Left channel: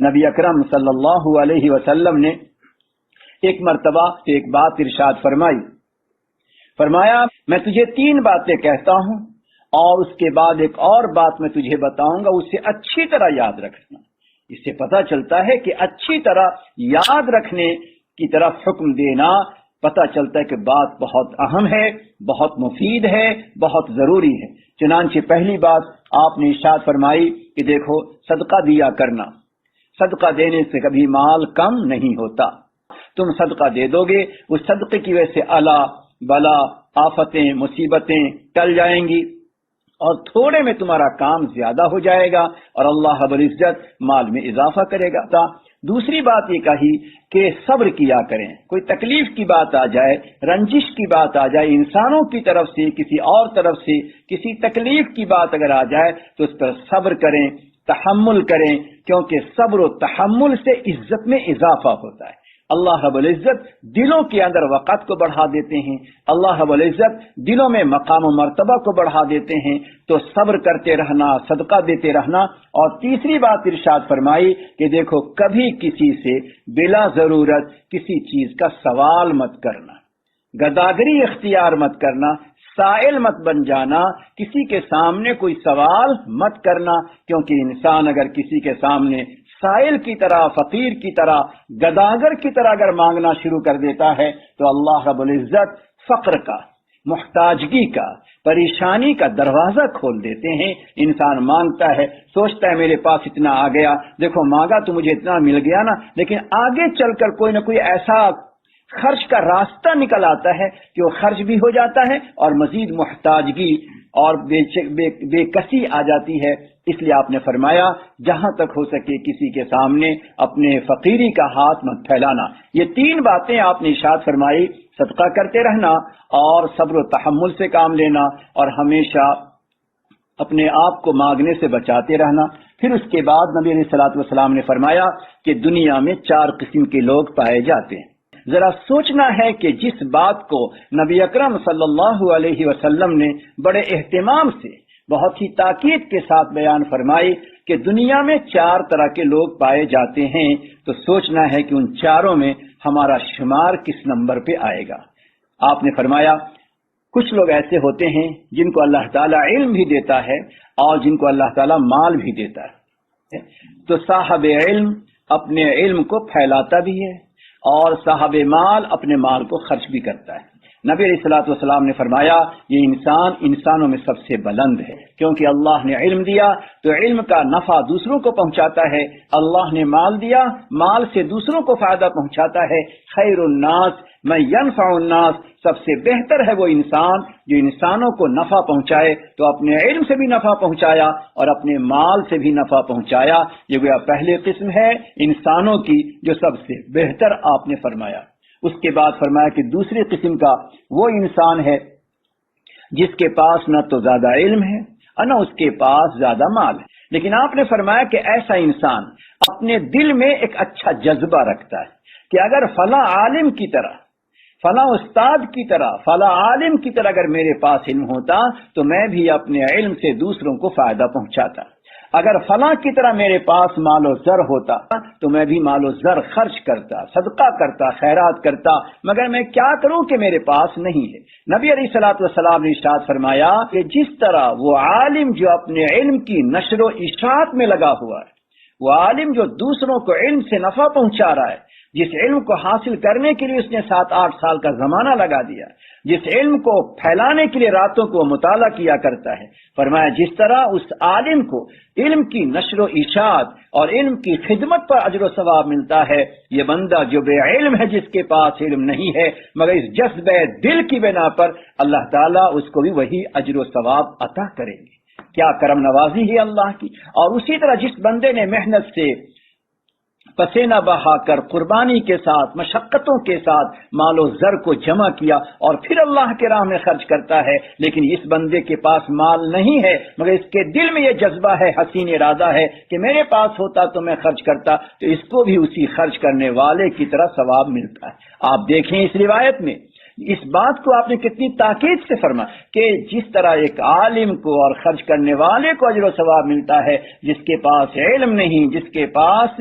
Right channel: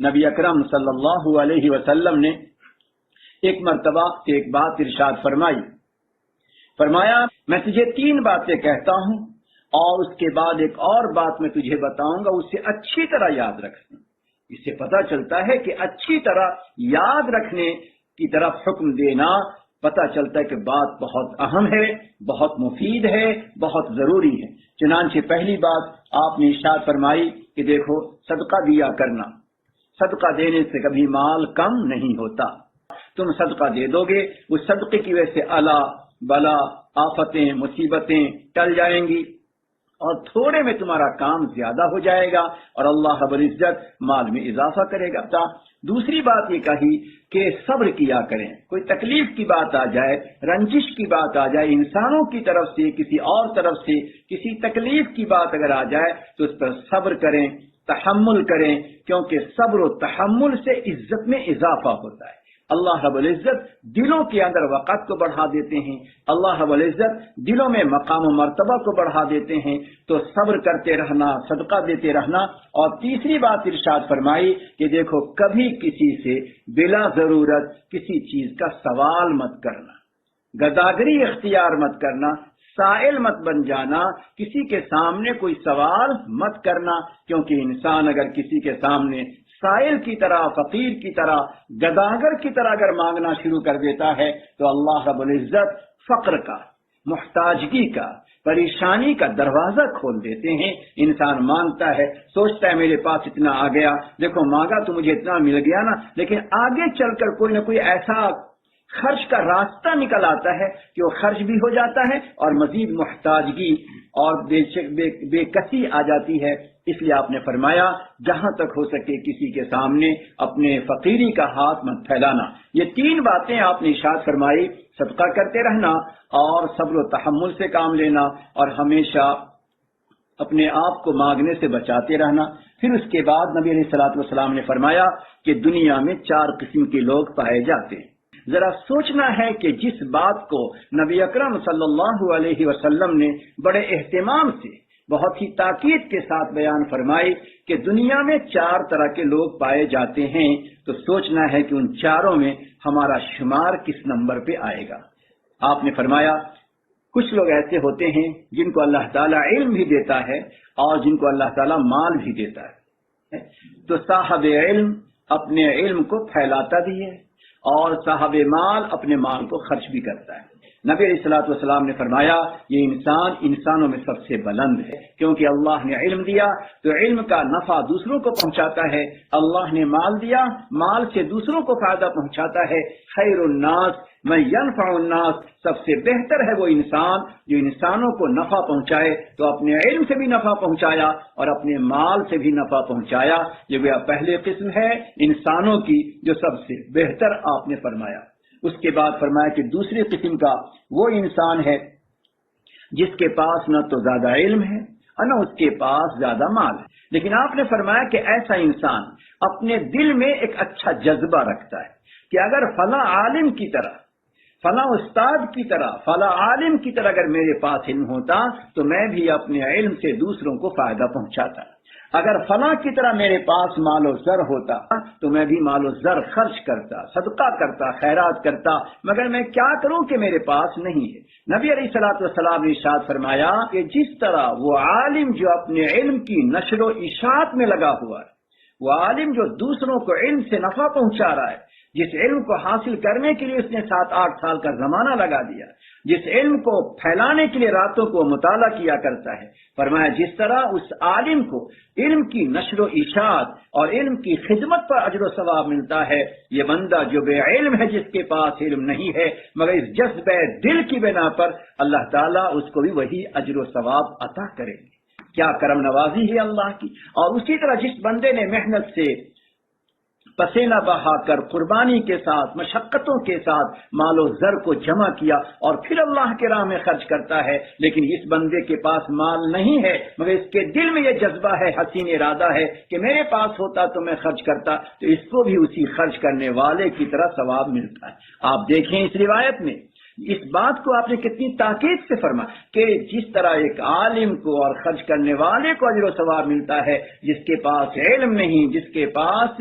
نبی اکرم صلی اللہ علیہ وسلم نے ایک مرتبہ ایک بات ارشاد فرمایا میں تجھے 3 باتیں کہتا ہوں اور اس کے بعد ایک اور بات میں تجھے بتاؤں گا، اسے اچھی طرح یاد رکھنا۔ اس سے پتہ چلتا ہے کہ اچھی طرح یاد رکھنے کی طرف حکم دینا، پتہ چلتا ہے کہ بات بہت اہم ہے، بہت مفید ہے، بہت ضروری ہے۔ چنانچہ پہلی بات آپ نے ارشاد فرمائی کہ دیکھو صدقہ دیا کرنا، صدقہ دینے سے کبھی مال کم نہیں ہوتا۔ تم صدقہ دے دو گے، اس صدقے کی وجہ سے الا بلا آفتیں مصیبتیں ٹل جائیں گی اور تھوڑے میں تمہارا کام زیادہ ہو جائے گا اور اللہ رب العزت مال میں اضافہ کرے گا۔ دوسری بات یہ کہی کہ صبر کیا کریں، کوئی تکلیف کی بات آ جائے، رنجش کی بات آ جائے، انسانوں کی طرف سے کسی اور طرف سے کسی تکلیف کی بات اگر آ جائے تو اس پر صبر کریں، تحمل کریں، کیونکہ صبر و تحمل سے عزت میں اضافہ ہوتا ہے۔ اللہ رب العزت دلوں کے اندر وقت کو بڑھا دیتے ہیں، اللہ رب العزت دلوں میں مقام و مرتبہ کو بڑھا دیتے ہیں۔ تو صبر کرتے رہنا، صدقہ دیتے رہنا۔ اور تیسری بات ارشاد فرمائی کہ دیکھو کبھی کسی سے بلا ضرورت کسی چیز کا سوال مت کرنا، گداگری اختیار مت کرنا، سائل مت بن جانا، کسی کے سامنے کوئی سوال مت کرنا، کیونکہ انسان اگر کسی کے سامنے سائل کی طرح، فقیر کی طرح، گداگر کی طرح اگر مانگنا شروع کر دیتا ہے تو اللہ رب العزت فقر کا، محتاجگی کا، پریشانی کا دروازہ کھول دیتے ہیں۔ انسان مانگتا ہے، سوچتا ہے میرے پاس اتنا آ گیا، دیکھو مانگا تو مجھے اتنا مل گیا نا، لیکن آگے چل کر کوئی نہ کوئی ایسا خرچ کا راستہ نکل آتا ہے کہ وہ خرچ بھی ہو جاتا ہے اور مزید محتاجگی اور بے کسی آ جاتی ہے۔ اس لیے آپ نے فرمایا جہاں تک ہو سکے کسی کے سامنے اپنے فقیری کا ہاتھ مت پھیلانا۔ یہ 3 باتیں آپ نے ارشاد فرمائی، صدقہ کرتے رہنا اور صبر و تحمل سے کام لینا اور ہمیشہ اپنے آپ کو مانگنے سے بچاتے رہنا۔ پھر اس کے بعد نبی علیہ الصلوۃ والسلام نے فرمایا کہ دنیا میں 4 قسم کے لوگ پائے جاتے ہیں۔ ذرا سوچنا ہے کہ جس بات کو نبی اکرم صلی اللہ علیہ وسلم نے بڑے اہتمام سے، بہت ہی تاکید کے ساتھ بیان فرمائی کہ دنیا میں 4 طرح کے لوگ پائے جاتے ہیں، تو سوچنا ہے کہ ان 4 میں ہمارا شمار کس نمبر پہ آئے گا۔ آپ نے فرمایا کچھ لوگ ایسے ہوتے ہیں جن کو اللہ تعالیٰ علم بھی دیتا ہے اور جن کو اللہ تعالیٰ مال بھی دیتا ہے، تو صاحب علم اپنے علم کو پھیلاتا بھی ہے اور صاحب مال اپنے مال کو خرچ بھی کرتا ہے۔ نبی علیہ الصلوۃ والسلام نے فرمایا یہ انسان انسانوں میں سب سے بلند ہے، کیونکہ اللہ نے علم دیا تو علم کا نفع دوسروں کو پہنچاتا ہے، اللہ نے مال دیا، مال سے دوسروں کو فائدہ پہنچاتا ہے۔ خیر الناس من ینفع الناس، سب سے بہتر ہے وہ انسان جو انسانوں کو نفع پہنچائے، تو اپنے علم سے بھی نفع پہنچایا اور اپنے مال سے بھی نفع پہنچایا۔ یہ گویا پہلے قسم ہے انسانوں کی جو سب سے بہتر آپ نے فرمایا۔ اس کے بعد فرمایا کہ دوسری قسم کا وہ انسان ہے جس کے پاس نہ تو زیادہ علم ہے اور نہ اس کے پاس زیادہ مال ہے، لیکن آپ نے فرمایا کہ ایسا انسان اپنے دل میں ایک اچھا جذبہ رکھتا ہے کہ اگر فلاں عالم کی طرح، فلاں استاد کی طرح، فلاں عالم کی طرح اگر میرے پاس علم ہوتا تو میں بھی اپنے علم سے دوسروں کو فائدہ پہنچاتا، اگر فلاں کی طرح میرے پاس مال و زر ہوتا تو میں بھی مال و زر خرچ کرتا، صدقہ کرتا، خیرات کرتا، مگر میں کیا کروں کہ میرے پاس نہیں ہے۔ نبی علیہ الصلوۃ والسلام نے ارشاد فرمایا کہ جس طرح وہ عالم جو اپنے علم کی نشر و اشاعت میں لگا ہوا ہے، وہ عالم جو دوسروں کو علم سے نفع پہنچا رہا ہے، جس علم کو حاصل کرنے کے لیے اس نے 7-8 سال کا زمانہ لگا دیا، جس علم کو پھیلانے کے لیے راتوں کو مطالعہ کیا کرتا ہے، فرمایا جس طرح اس عالم کو علم کی نشر و اشاعت اور علم کی خدمت پر اجر و ثواب ملتا ہے، یہ بندہ جو بے علم ہے، جس کے پاس علم نہیں ہے، مگر اس جذبہ دل کی بنا پر اللہ تعالیٰ اس کو بھی وہی اجر و ثواب عطا کریں گے۔ کیا کرم نوازی ہے اللہ کی۔ اور اسی طرح جس بندے نے محنت سے پسینہ بہا کر قربانی کے ساتھ مشقتوں کے ساتھ مال و زر کو جمع کیا اور پھر اللہ کے راہ میں خرچ کرتا ہے، لیکن اس بندے کے پاس مال نہیں ہے مگر اس کے دل میں یہ جذبہ ہے، حسین ارادہ ہے کہ میرے پاس ہوتا تو میں خرچ کرتا، تو اس کو بھی اسی خرچ کرنے والے کی طرح ثواب ملتا ہے۔ آپ دیکھیں اس روایت میں اس بات کو آپ نے کتنی تاکید سے فرما کہ جس طرح ایک عالم کو اور خرچ کرنے والے کو اجر و ثواب ملتا ہے، جس کے پاس علم نہیں، جس کے پاس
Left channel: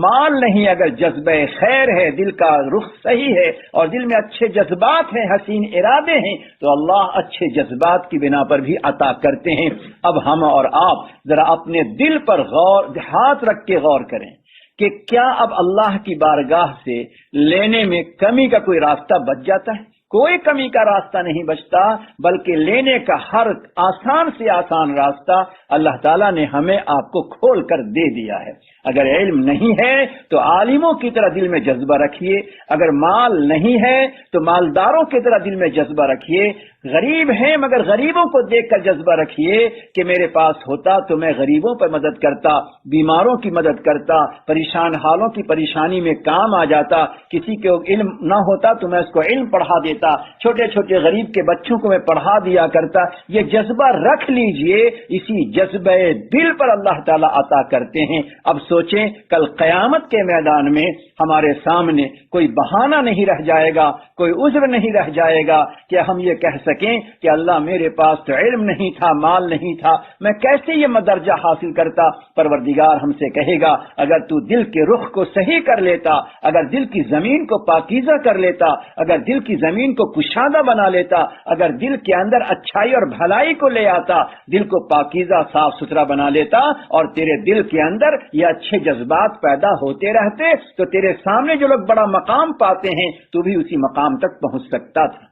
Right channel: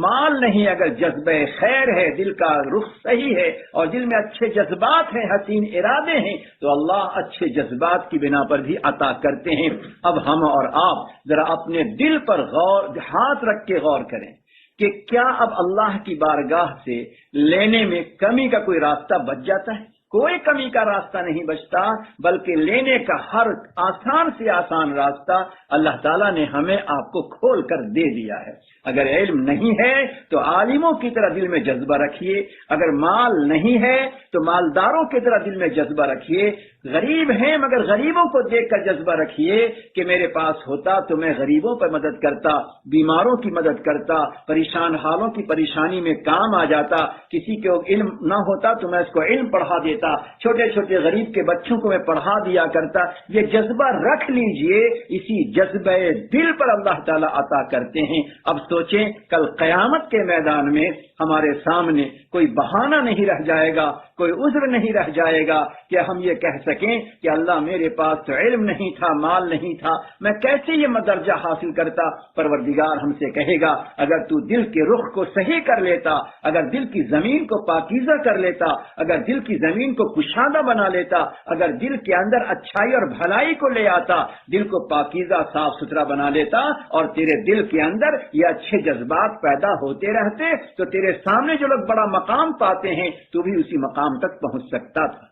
مال نہیں، اگر جذبہ خیر ہے، دل کا رخ صحیح ہے اور دل میں اچھے جذبات ہیں، حسین ارادے ہیں، تو اللہ اچھے جذبات کی بنا پر بھی عطا کرتے ہیں۔ اب ہم اور آپ ذرا اپنے دل پر ہاتھ رکھ کے غور کریں کہ کیا اب اللہ کی بارگاہ سے لینے میں کمی کا کوئی راستہ بچ جاتا ہے؟ کوئی کمی کا راستہ نہیں بچتا، بلکہ لینے کا ہر آسان سے آسان راستہ اللہ تعالیٰ نے ہمیں آپ کو کھول کر دے دیا ہے۔ اگر علم نہیں ہے تو عالموں کی طرح دل میں جذبہ رکھیے، اگر مال نہیں ہے تو مالداروں کی طرح دل میں جذبہ رکھیے، غریب ہیں مگر غریبوں کو دیکھ کر جذبہ رکھیے کہ میرے پاس ہوتا تو میں غریبوں پر مدد کرتا، بیماروں کی مدد کرتا، پریشان حالوں کی پریشانی میں کام آ جاتا، کسی کو علم نہ ہوتا تو میں اس کو علم پڑھا دیتا، چھوٹے چھوٹے غریب کے بچوں کو میں پڑھا دیا کرتا۔ یہ جذبہ رکھ لیجئے، اسی جذبہ دل پر اللہ تعالیٰ عطا کرتے ہیں۔ اب سوچیں کل قیامت کے میدان میں ہمارے سامنے کوئی بہانہ نہیں رہ جائے گا، کوئی عذر نہیں رہ جائے گا کہ ہم یہ کہہ سکیں کہ اللہ میرے پاس تو علم نہیں تھا، مال نہیں تھا، میں کیسے یہ درجہ حاصل کرتا۔ پروردگار ہم سے کہے گا اگر تو دل کے رخ کو صحیح کر لیتا، اگر دل کی زمین کو پاکیزہ کر لیتا، اگر دل کی زمین کو کشادہ بنا لیتا، اگر دل کے اندر اچھائی اور بھلائی کو لے آتا، دل کو پاکیزہ صاف ستھرا بنا لیتا اور تیرے دل کے اندر یہ اچھے جذبات پیدا ہوتے رہتے تو تیرے سامنے جو لوگ بڑا مقام پاتے ہیں تو بھی اسی مقام تک پہنچ سکتا تھا۔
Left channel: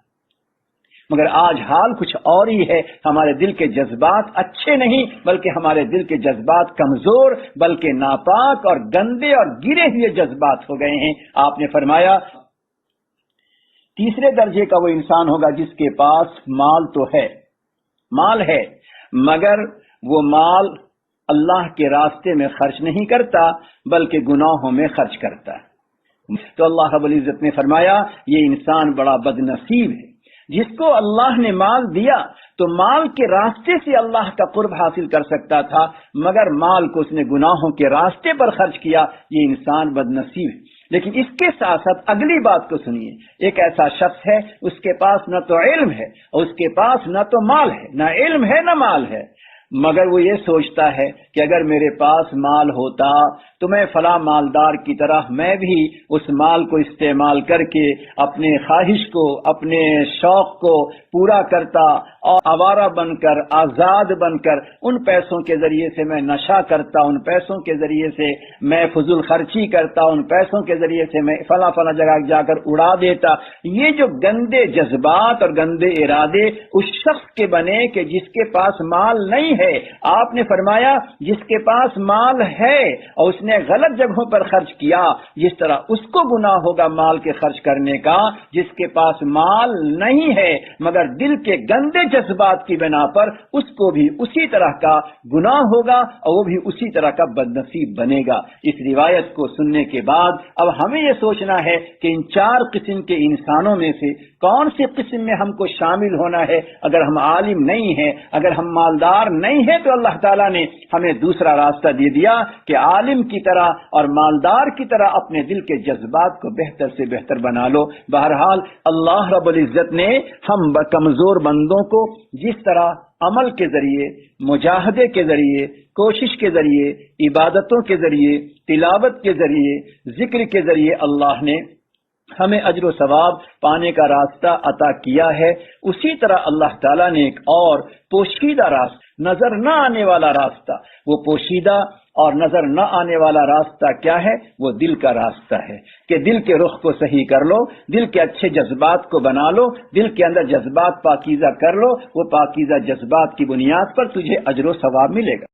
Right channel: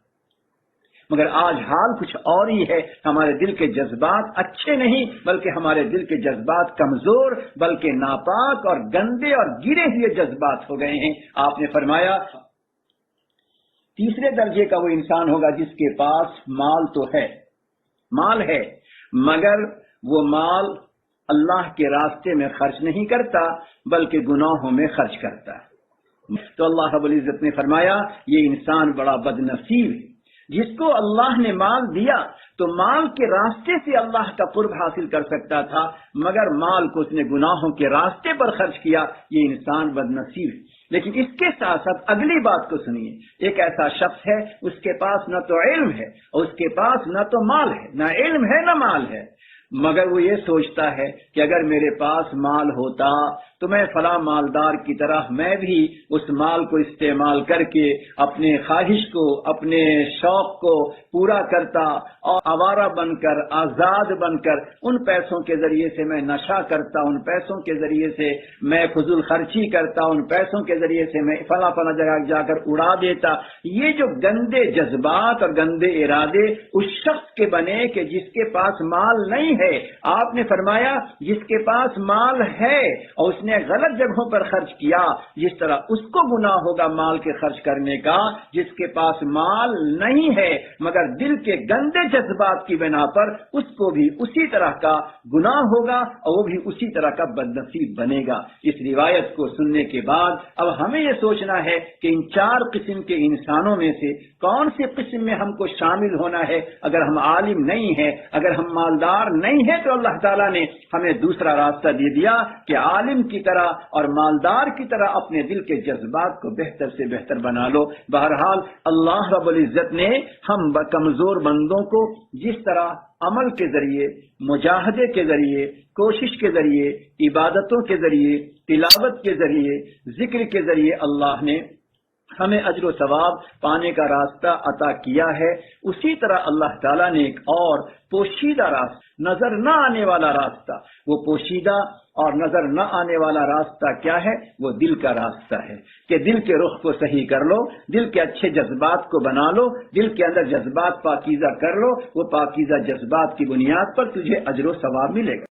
مگر آج حال کچھ اور ہی ہے، ہمارے دل کے جذبات اچھے نہیں بلکہ ہمارے دل کے جذبات کمزور، بلکہ ناپاک اور گندے اور گرے ہوئے جذبات ہو گئے ہیں۔ آپ نے فرمایا تیسرے درجے کا وہ انسان ہوگا جس کے پاس مال تو ہے، مال ہے مگر وہ مال اللہ کے راستے میں خرچ نہیں کرتا بلکہ گناہوں میں خرچ کرتا ہے۔ تو اللہ رب العزت نے فرمایا یہ انسان بڑا بد نصیب ہے جس کو اللہ نے مال دیا تو مال کے راستے سے اللہ کا قرب حاصل کر سکتا تھا، مگر مال کو اس نے گناہوں کے راستے پر خرچ کیا، یہ انسان بد نصیب ہے۔ لیکن اس کے ساتھ ساتھ اگلی بات کو سنیے، ایک ایسا شخص ہے اس کے پاس نہ تو علم ہے اور اس کے پاس نہ تو مال ہے، نہ علم ہے نہ مال ہے، مگر وہ یہ سوچتا ہے کہ اگر میرے پاس مال ہوتا تو میں فلاں مالدار کی طرح میں بھی اس مال کو استعمال کر کے اپنے خواہش کو، اپنے شوق کو پورا کرتا اور آوارہ بن کر، آزاد بن کر ان پیسوں کے ذریعے سے میں نشہ کرتا، ان پیسوں کے ذریعے سے میں فضول خرچی کرتا، ان پیسوں کے ذریعے سے میں فلاں فلاں جگہ جا کر اڑا دیتا۔ یہ جو گندے جذبات اور گندے ارادے اس شخص کے بنے کہ جس کے پاس مال نہیں ہے۔ آپ نے فرمایا جس کے پاس مال ہے اور اس نے غلط جگہوں پر خرچ کیا، جس طرح اس کو گناہ ہوگا مال کے خرچ کرنے کا، جس کے پاس مال نہیں ہے مگر دل کے گندے جذبات کی بنا پر اس کو بھی اسی طرح کا گناہ ہوگا اور وہ بھی اسی طرح کا بد نصیب بنے گا۔ اس روایت کو سننے کے بعد اب ہمیں یہ سوچنا ہے کہ ان چار قسم کے انسانوں میں سے کون سی قسم میں ہم کو شامل ہونا ہے۔ اگر ہم عالم نہیں ہیں، اگر ہم مالدار نہیں ہیں تو اللہ تعالیٰ نے ہمیں دوسرا راستہ دے دیا کہ عالم کی طرح اور مالدار کی طرح اپنے دل کے جذبات کو بہتر سے بہتر بنا لو۔ بہرحال اللہ رب العزت نے ہم کمزور بندوں کو جس طرح عمل کے ذریعے، مجاہدے کے ذریعے، کوشش کے ذریعے، عبادتوں کے ذریعے، تلاوت کے ذریعے، ذکر کے ذریعے اللہ نے ہمیں اجر و ثواب پانے کا راستہ عطا کیا ہے، اسی طرح اللہ تعالیٰ نے ایک اور پوشیدہ راستہ، نظر نہ آنے والا راستہ، وہ پوشیدہ اور نظر نہ آنے والا راستہ کیا ہے؟ وہ دل کا راستہ ہے کہ دل کے رخ کو صحیح کر لو، دل کے اچھے جذبات کو بنا لو، دل کے اندر جذبات پاکیزہ کر لو، وہ پاکیزہ جذبات کی بنیاد پر تجھے اجر و ثواب ملے گا۔